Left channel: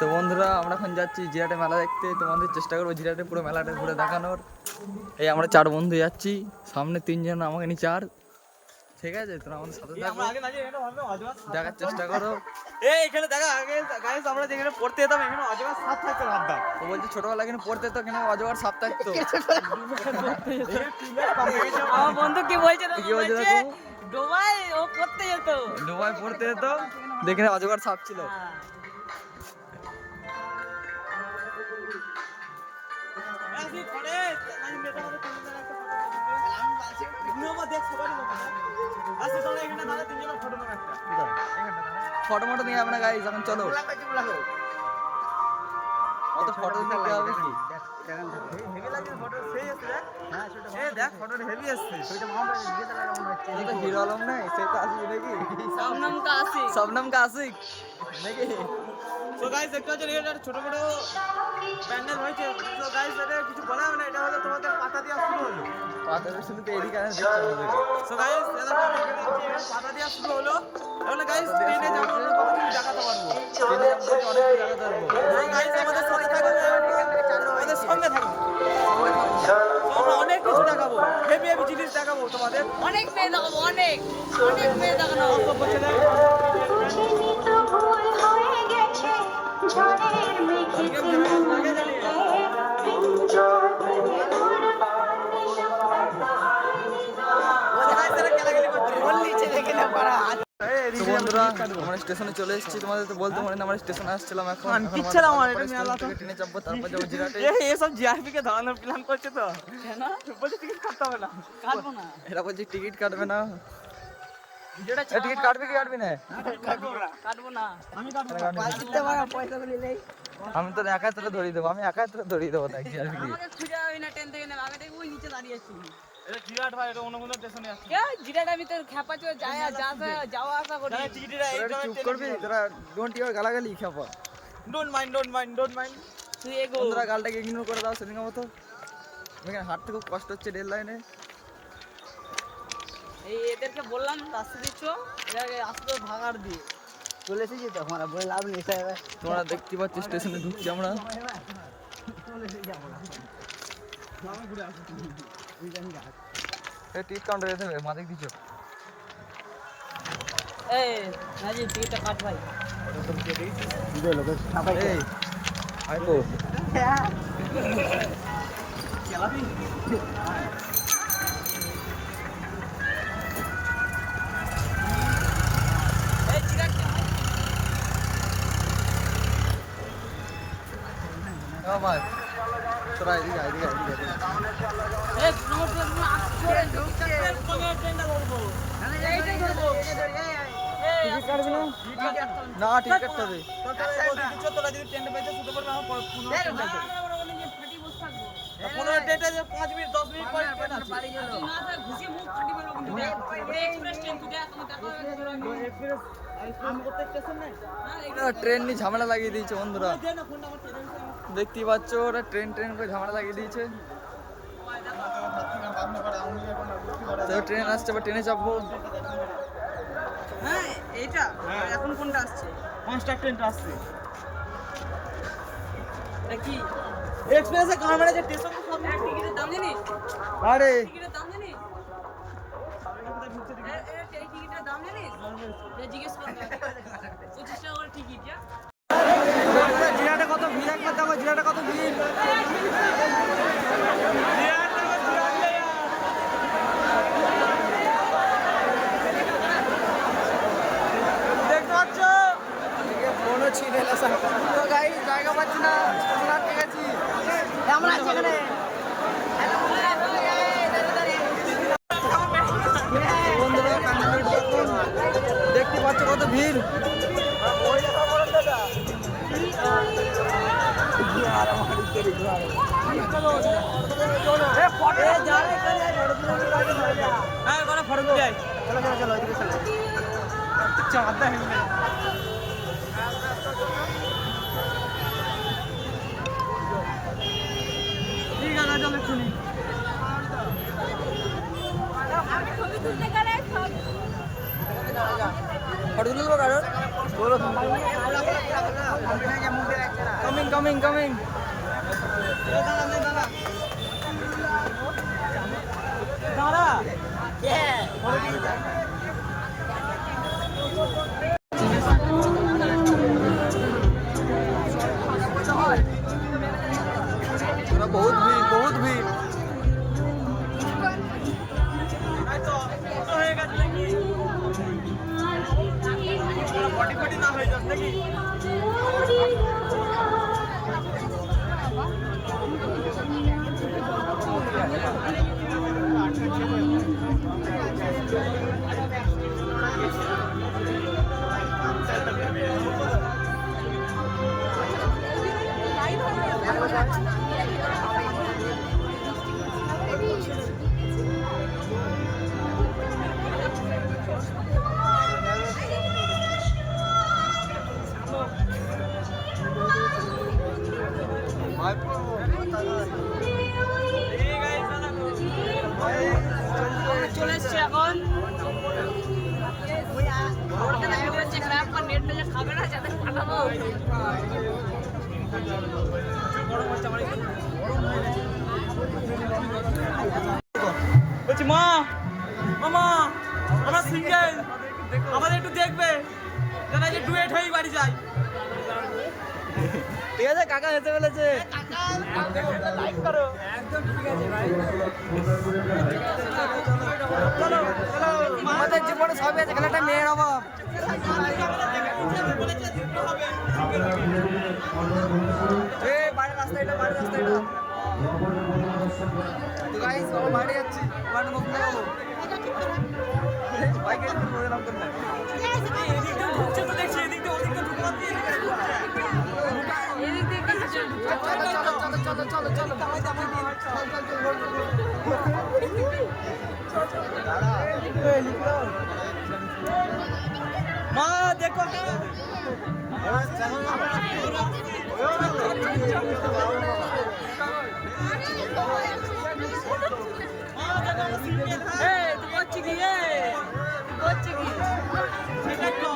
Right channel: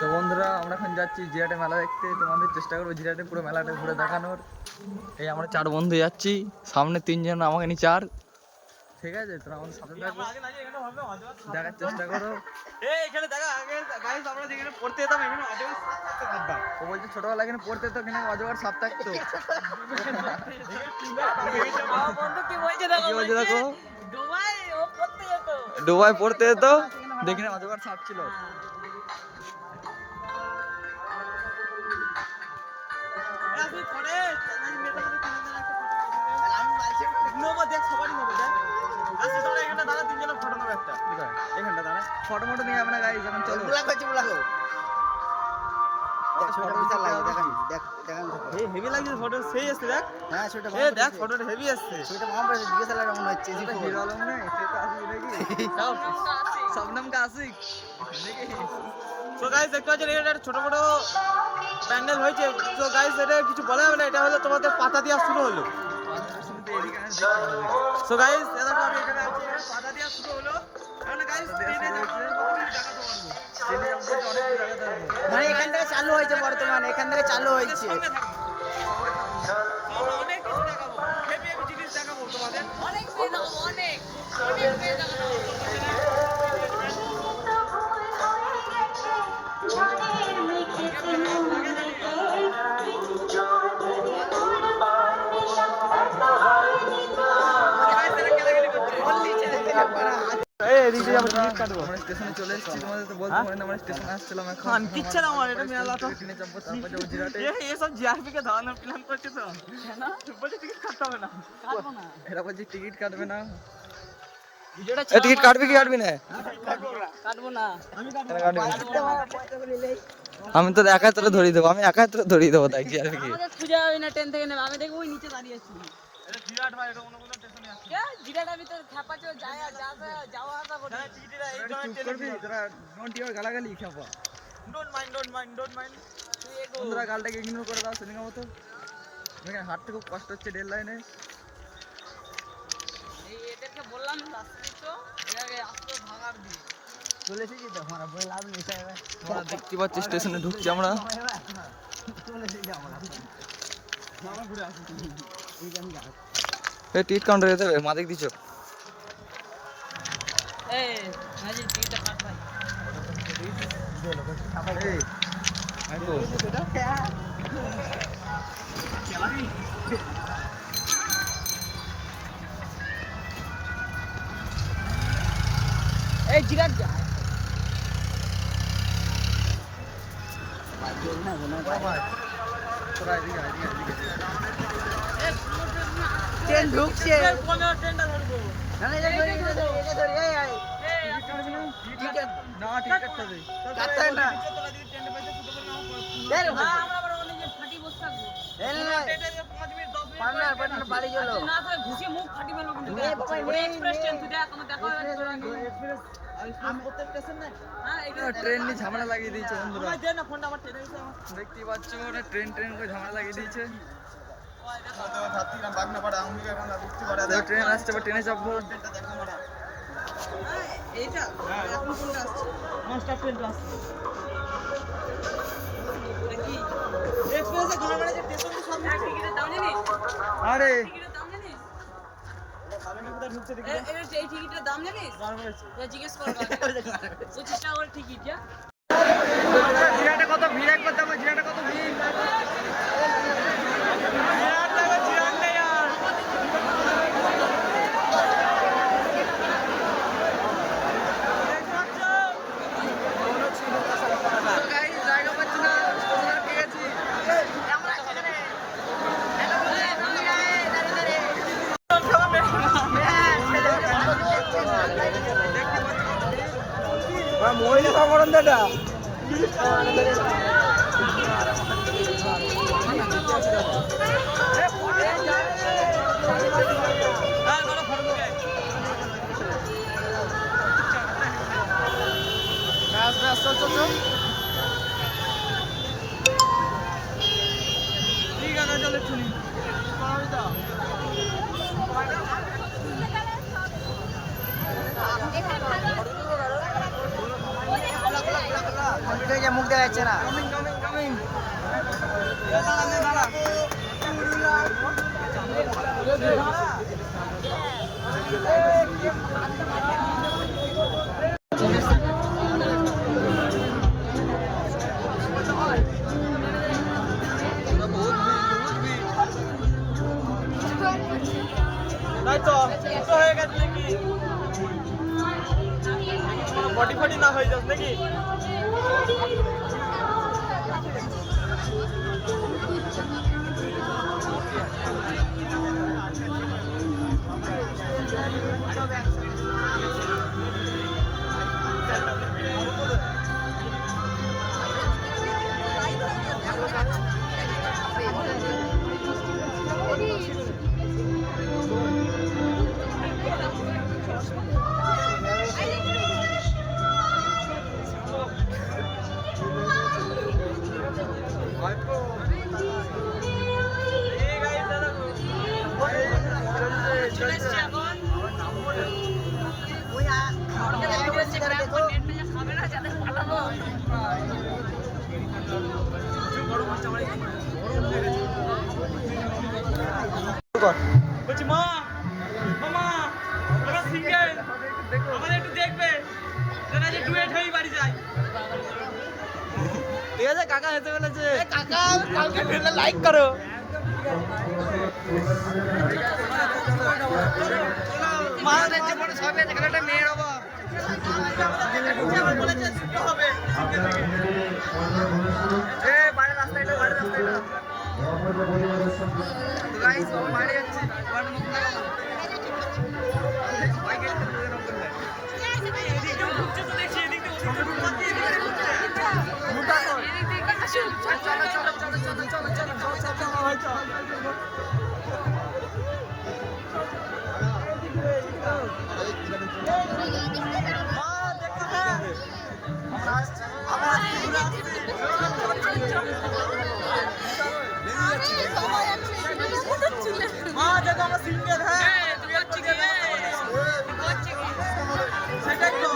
তো বন্ধুরা আমরা এখন যাচ্ছি জিরাটে মেলা দেখতে, তোমাদের চেষ্টা করবো জিরাটে পুরো মেলাটা ঘুরে দেখানোর। এই আমরা 4 বন্ধু যাচ্ছি, সামনে 3 জন, আমাকে নিয়ে 4। ঠিক আছে, তোরা আমাদের সাথে থাকো, দেখার চেষ্টা করো। ও বলছে ছোটবেলা এখানে পড়তে তো, এখানে অজগর সাপ থাকতো। কি বলছে দেখো, ডোবায় পড়তে যেত, দেখে অজগর সাপ ছিল। ফটো মটো নিয়ে যাবে না গাইস, এখন চলো। অত ফটো নিতে হবে কি? হেভি লাগছে ফটো, সেই আসছে দেখ। হ্যাঁ সেটা দেখ, ফটোটা হেভি আসছে। সেটা মামা জিজ্ঞাসা করে মনে হচ্ছে এটা হিরো আলম না, সেটা আসি নাকি? শবনম কা আসিক নাকি? তো গাইস দেখতে পাচ্ছেন এটা ছোট ছোট প্যান্ডেল হয়েছে। তো গাইস এটা কিছু বলা যাবে না, এটা হলো তোমাদের পাতা দেওয়া শুরু হলো। পাতা দিয়ে শুরু তো এদিকে দেখতে হবে। সো গাইস দেখো আমি এখানে আছি, এবার পাতা দেওয়া শুরু হলো। এখন গাইস ট্রেনে যাবো, আমরা কত কিছু দেখাতে পারবো। ট্রেনে যাবো বলতে অনেক কিছু দেখাতে পারবো। গাইস চালু হয়েছে, এখান থেকে চালু হয়েছে। সঙ্গে থাকো, সঙ্গে থাকো, আমরা অনেক কিছু দেখাবো, হেভি হেভি জিনিস দেখাবো তোমাদের। অনেক পেয়ে দেখাবো, অনেক পেয়ে দেখাবো। অল্প ছেলে তো বন্ধুরা আমরা স্টেশনে চলে এসেছি, তোমাদের তো বলতে পারি না, আমরা স্টেশনে আসছিলাম। এখন ট্রেনে চাপবো, তারপর যাবো জিরাটে। এসব জিআরপি কে ধরানোর প্ল্যান করছে তো, বলছে টিকিট কাটতে হবে না। কাটবো না, এরা বলছে টিকিট কাটবে না। টিকিট কাটবি কি কাটবি না? কাটবো না। আমি তো একা হাতে ধরিয়ে দেবো, আমি একা হাতে ধরিয়ে দেবো। তাই জিরাটে কি আমাদের খুঁজে হবে না, ট্রেন থেকে নেবে। আমি দেখবো ওই নিচে দাঁড়িয়ে আছি। এটা জিরাট ভাই, এটা অন্য কোনো স্টেশনে আছে। জিরাটার ভিতরে খেপাচো যাওয়া আসা করি। তোরা একটু চুপ করবি, তোরা ডোন্ট ইউর গালাগালি খেপা। ডোন্ট মাইন্ড তুই এগো। বন্ধুরা গালটাকে ইগনোর করে দাও সেদিনের মতো। এখানে হাঁটতে খুব কষ্ট হচ্ছে রেল লাইনে। এই এদেরকে বললাম রাস্তা দিচ্ছ, এটাকে রাস্তা ভাগার দিয়ে চলেছি তো আমরা বলে লাভ নেই। তোমরা দেখতে পাচ্ছ স্টেশনে ঢুকছি আমরা। চলেছি আমরা মামা ঘুরে আসি এই জানি গা। এই টিকিট কাউন্টারে যেতে হবে, মাদিক দিছো। এই হাজি টিকিটটা কাট ভাই। এই আই তো খেলাবি এই জিরাট যায় ভাই, তোরা এদিকে এদিকে এদিকে এদিকে। এই প্রমোট ট্রেন ঢুকছে, কোন ট্রেনটা ধরবো? মানে এইটাই ধরবো। টিকিট কাটবি না? না টিকিট কাটতে হবে। তোরা যদি ট্রেনে পেতে শুতে পারবে আমার আমরা আবার ওখানে ফাটি বসে থাকবো। 15 ট্রেনে 5 মিনিট 10 মিনিট পরে বাড়ি গেল। না তো ঘুষিয়ে মুখ ফাটি ফেলবো কিন্তু। এক্সপ্রেস ট্রেন তুই দেখ, আমি দেখা হয়ে এক্সপ্রেস আমি প্রত্যেক স্টেশন নাই। হ্যাঁ ওরা ট্রেন নিয়ে ঝামেলা লাগিয়ে দিয়েছে বন্ধুরা। দে না ফোনটা, আমার ট্রেনে এসে আমি দেখতেই পাচ্ছ ওরা ট্রেন করে ঝামেলা লাগিয়ে দিয়েছে। তো ট্রেন আসছে, বা ট্রেনে চাপবো। হ্যাঁ এইটা এখন কোনটা আসছে? কনস্টার ট্রেনটা আসছে। এটা কি এক্সপ্রেসে গান মেরেছে স্টেশন তো সামনে। টিকিটের দাম জানিস? আরে টিকিটের দাম জানিস? ঢুকছে দেখি এই টিকিটের দাম জানিস? গান মেরেছে। জিজ্ঞেস কর 25 টাকা করে টিকিট। জিরাটে কত ভিড়, একবার দেখো জিরাটে কত ভিড়। জিরাট দেখো, জিরাট নেই আর। দেখতে পাচ্ছ? তো গাইস জায়গা পাচ্ছি না, স্টেশন আটকে গেছি। আমরা সেখানে বন্ধুরা প্যান্ডেল দেখুন, দেখতে পাচ্ছ কত ভিড়। হ্যাঁ কোনো ফটো তুলে আয়। ঠিক আছে চলো শুনি। খোলা খোলা খোলা খোলা। কমপ্লিট হয়ে যায়, মুখ দেখা যাচ্ছে না। Coming coming coming. দাঁড়া নে দাঁড়া দাঁড়া। বহুত ভিড় বহুত ভিড়। তাই তো তো হয়ে গেছে নাকি? বডি ফডি না হয়ে যাচ্ছে নাকি? ভাইপো এই গাইস দাদা গো চলছে চলে চলছে। এসছে এখন ওই নেট পেলে খাবে না যাতে পাঠাবো বলছি মা মামা আমরা সিঙ্গেল, দেখো আমাদের একটু দেখবে কেন যে ডুয়েট হয়েই বাড়ি যাই। ঠিক আছে কাকা হেসে ফেলেছে। লাইক করো। চলো চলো চলো আমাদের জীবনে সবই আছে, খেলাটা মেয়ের হবো। এ বাইরের রাস্তা এটা, বাইরের রাস্তা এটা। তো গাইস বাবা বাইরে যাচ্ছি, ওখানে মুখ লাগাবো। বাইক একটু বলে নাম করলে চলো চলো চলো চলো চলো চলো। মা দেখো হ্যাঁ আমরা আসছি, আমরা মা দেখো আমরা সিঙ্গেল হ্যাঁ তুই হচ্ছে কি রে? তুই করছিস কি? সেটাই তো